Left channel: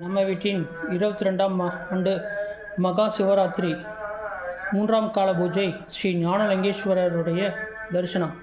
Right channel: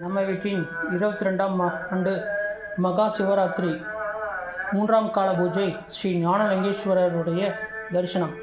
நம்ம வீட்டின் இருபத்தி ரெண்டாம் ஆண்டு மகா சிவராத்திரி மூன்றாம் கால பூஜை ஸ்ரீ ஞானலிங்கேஸ்வரருடைய தரிசனம்.